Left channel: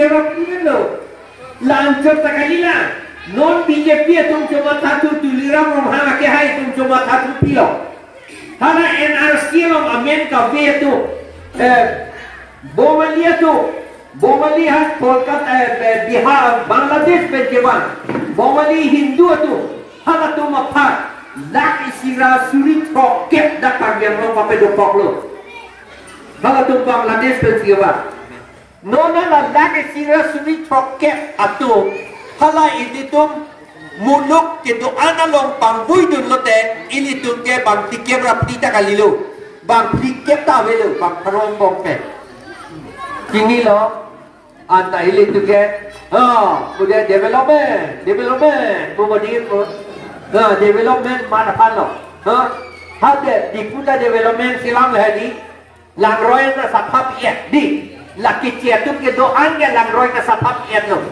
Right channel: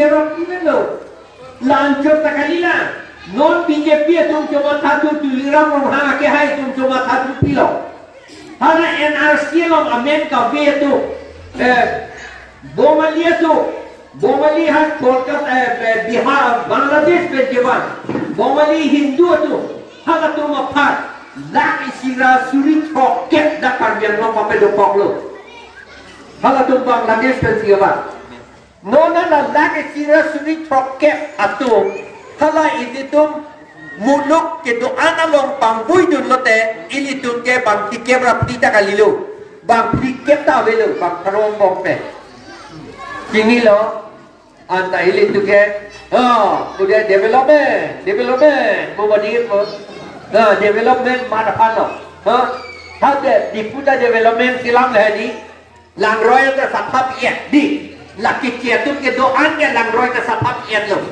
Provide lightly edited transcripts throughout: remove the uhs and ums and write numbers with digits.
gerok ini lo. Lancar sekali lah. Non BJP tum cuma satu tuliram orang ke hai tum cuma satu pilo. Hara NRC lo Amerika be tu Bomali has Kolkata Bihar Bangladesh pe jawan. Bomali Hindu tu hara tu mapat lak isira suri roket dakar yang lo pape do poklo. Hara tu Bangladesh pe jawan. Nona la lak isira suri roket atu hala ilitum muluk ke doa nalong pangbui dun lote ilitum ke bang tikep rapita kalilu bang tikep ta velu bang perong bong te sini lo anta ilitum ke kemudian development pemberdayaan pun development mana pano ada di puta development silam lagi langroy ta sapap ya di laki ciatum ke doa ke langroy ta sapap ya lo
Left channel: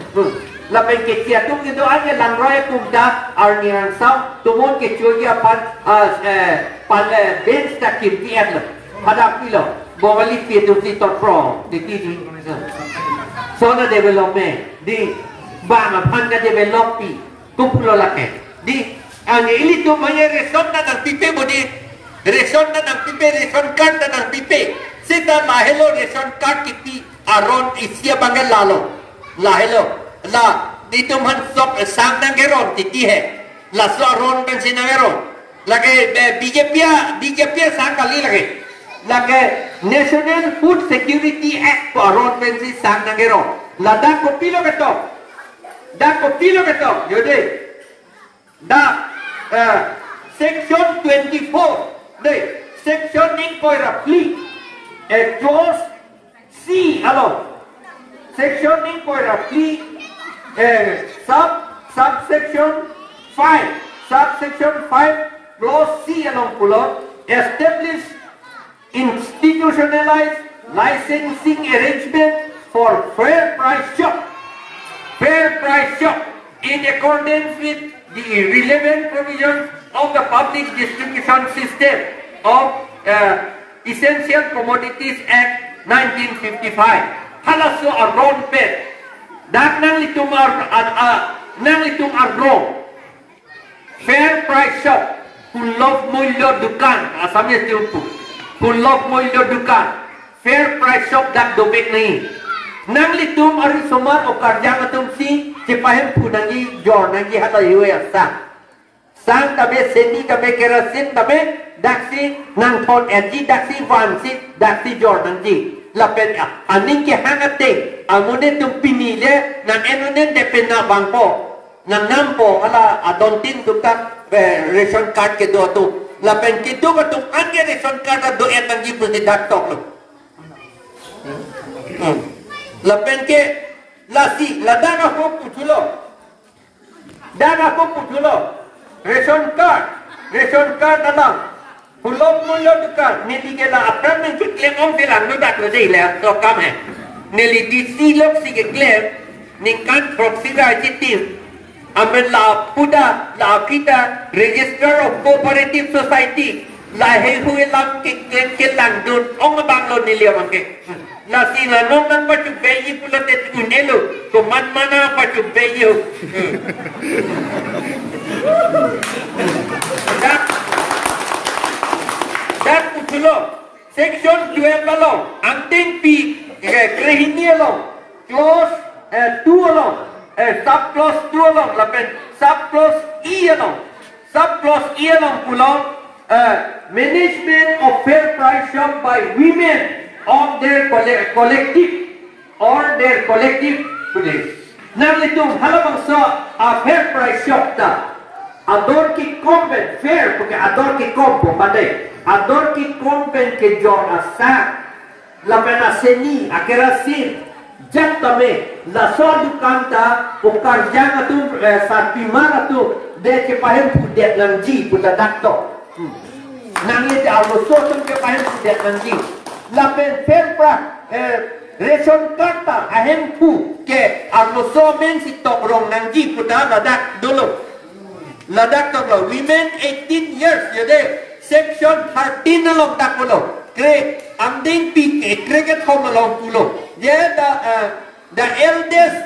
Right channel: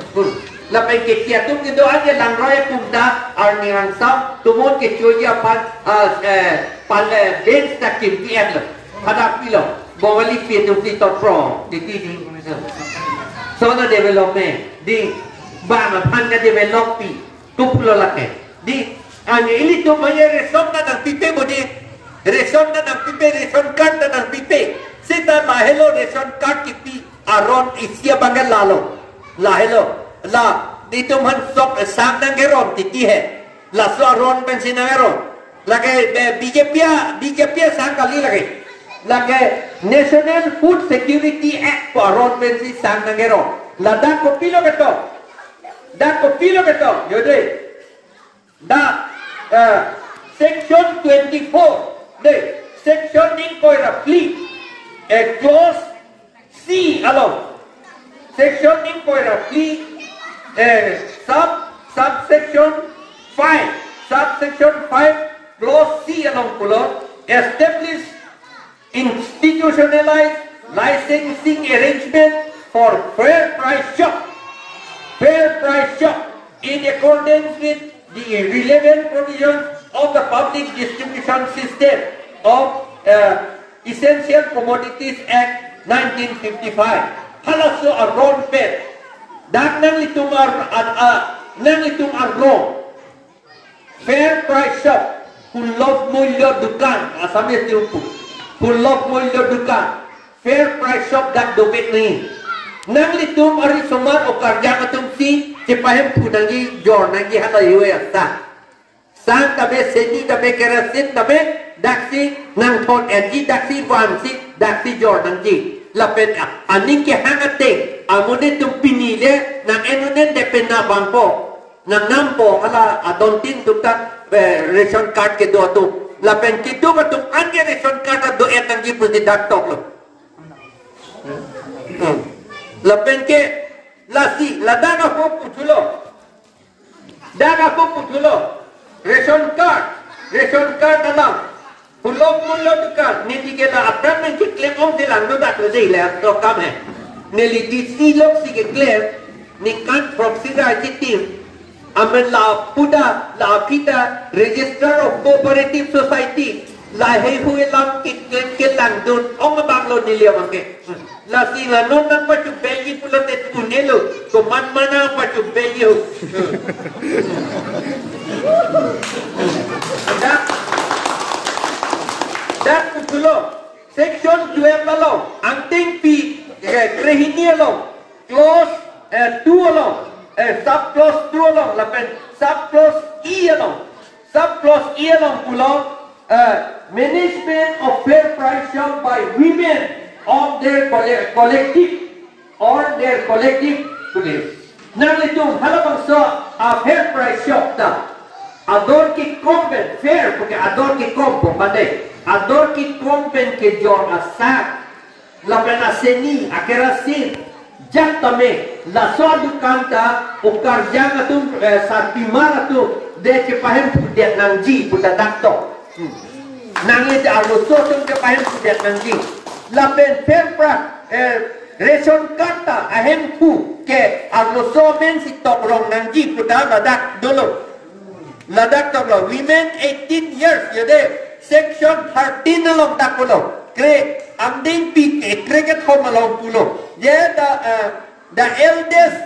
Lapan kecil tu kita aja langrai pumda arniran sam tumon kecuali pan bench tak kimpian lo hadapi lo bawali pi tu pro di tini soalnya development di bang pan ka developi kupulo lake di ini tu maya reson dan pipe bodi reson dan pipe reson card dan pipe sita lahelo reson card kiti aron isia bangal lahelo la itu man sok sang dan geron titi hai la so ron ben sinageron lage BJP sang kali lage National Food Security Act ron ben si sang dan geron la da kopilo ketok yode da section 24 de section in koira fleet clause C along section in koira fleet subsection 5 clause C along pulo establish institutionalized licensing arrangement for fair price shop in accordance with the relevant provisions of the public distribution system of Essential Commodities Act 1955 halaso aron pet dak nang litung arong fair price shop kulok mulyo dukan asamnya tiupu kulok mulyo dukan fair price shop dak dobek ni nang litung ari somar o karja atum si cepahem pudangi jor nangi halo yue asta sang tabe seni tabe kerasin tabe daksi nang thon energy daksi wansi daksi jor nangi lapet aning ke hangate amune tum pinile nan enonen dependa bangpo nan nampo ala adontin tuta ration card ke do tu lapen kitu batum anje ration card do etang gi puti datok lo lapen ke lasi ladanga ko putulo ration card ala Pulau dekat ni la apa mungkin klaim om bilang nudak lagi lah program hai. Neli di silok si klaim ni kan proxy ra tim. Amen la puda la kita register of cooperative society la hai hui lam ke lang dun ong bang lo ni liam ke. La si la no man pa chu beji pulo te tunelo ko man mana pa chu beji. Dan putulo section 12 along anting pi krehini along clause 2 along sub clause 2 along lapen sub clause E along pulo management of fair price shop by women on their collective nang litung halabang sa fair price shop ta ador ki komben fair porque ador ki kompo mande ador ki kompen ke jor asa la pena seni akerasin jatame la so dukanta ukar janga tu satimana tu de ke pahem pudet nangji puda dakto nang ye da lo so tum ke pahem pudet nangji la pen pempra reson karta ahem pu ke arlo so men si tobrong nangji puda ladak dulu ladak to women 18 years yode section 13 along takulo kre amding pi kre ke thom along pulo ye da the eldest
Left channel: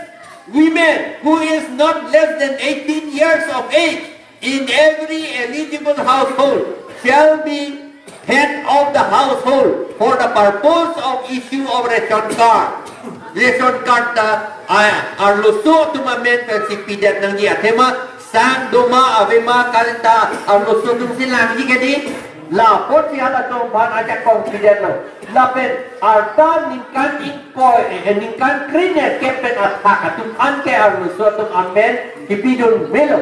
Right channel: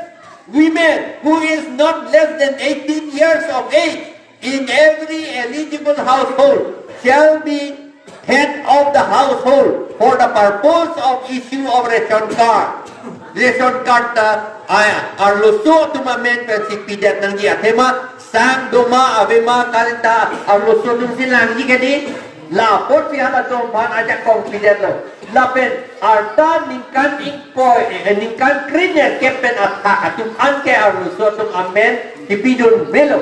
women who is not less than 18 years of age in every eligible household shall be head of the household for the purpose of issue of ration card. Ration card na arluso tumamen per si pidat ng dia tema sang doma avema kalta arluso tung silang ji kedi la pot si hala tong ban aja confident lo la pen arta ningkan impoi ningkan krine kepen athak atu an ke arluso tung amen si pidun melo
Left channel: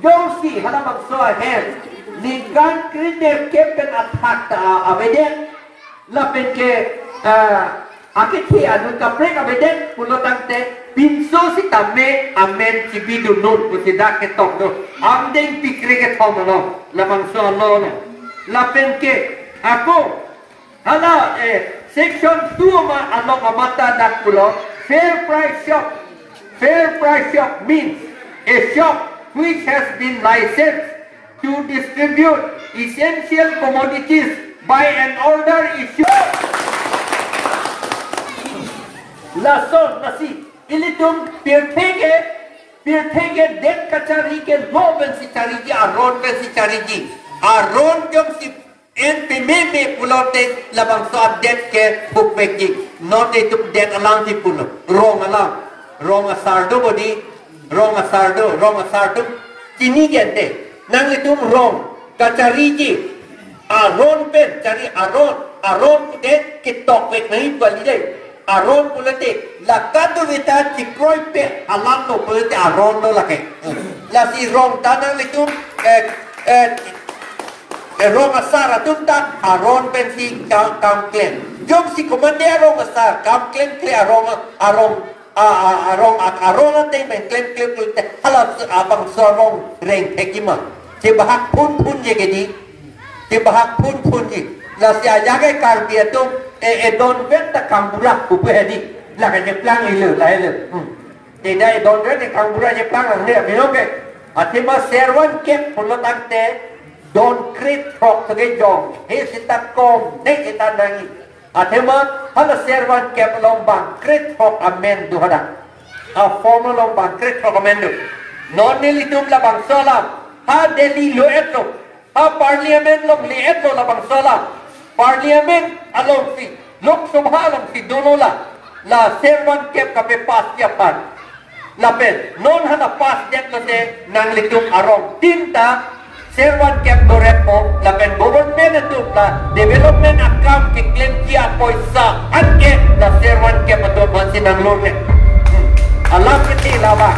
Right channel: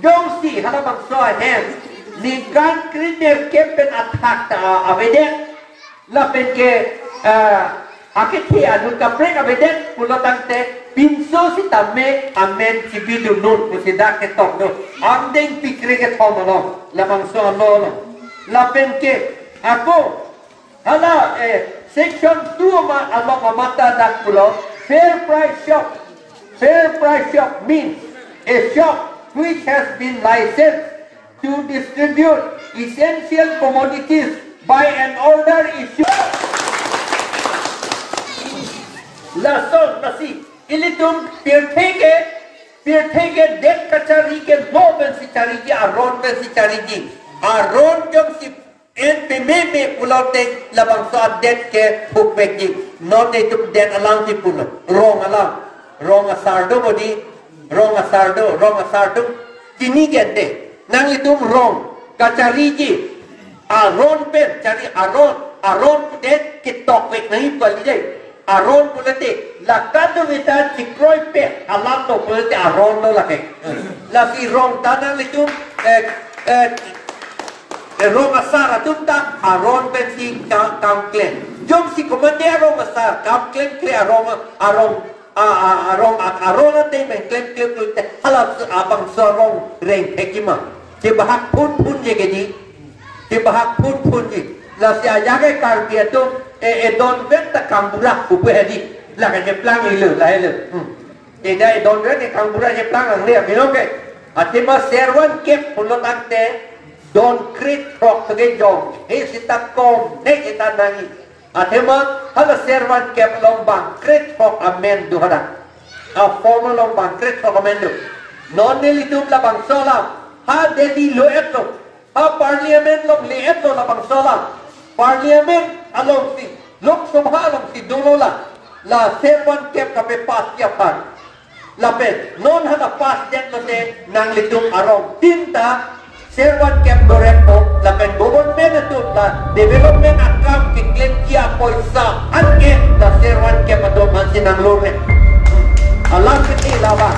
dong si hala bang so ahem ningkan krine kepen athak ta avede la pen ke akiti anu kaprek abeden pulo tangte pinso si tamme amen si bidu nun pusida ke tok do amdeng pikre ke thom lo lamang so lo lapen ke ako hala section 2 ma alok mata dak pulo fair price shop means a shop which has been licensed to distribute essential commodities by an order issued lason nasi ilitum pirthege dek kachari ke loben si chari ji aron ke si chari ji aron jom si en pememe pulote labang so dek ke pukmek ji not itu dek alang si pulo rong asardo bodi rong asardo kini gente nang litum rong kachari ji aron pen cari aron dek ke tokmek nahi bali dei aron pulate lakado vita cikroy pe alam no pulate aron no lake la si rong tanang litum rong asar atunta aron ben si kam klen jom si komande rong asar kam klen kle aron te ben klen pulate halap abang sorong reng hekima ke bahak pun je gedi ke bahak pun je la si ajaga kar dia tu don venta kambura upedi la ke plan ilu la ilu dai don venta kambura je plan ang le mino ke atima serwan kep pulo tante don crit prok tege jong he sita kom ne kita nangi atima hala serwan kep lombang crit prok amen du hada a formal lombang crit prok amen du non ni litum la bang solam ha deli lo etlo ha parliament lo li etlo la bang solam parliament along si Lok Sabha along si dono la servan kep kape pas yapan lapen non hana pas det lote nang litum arong tinta servan kep dorepo lapen government itu la development account ke claim kia poisa anke la servan kep adon mansi nang lorne alam kiti lawa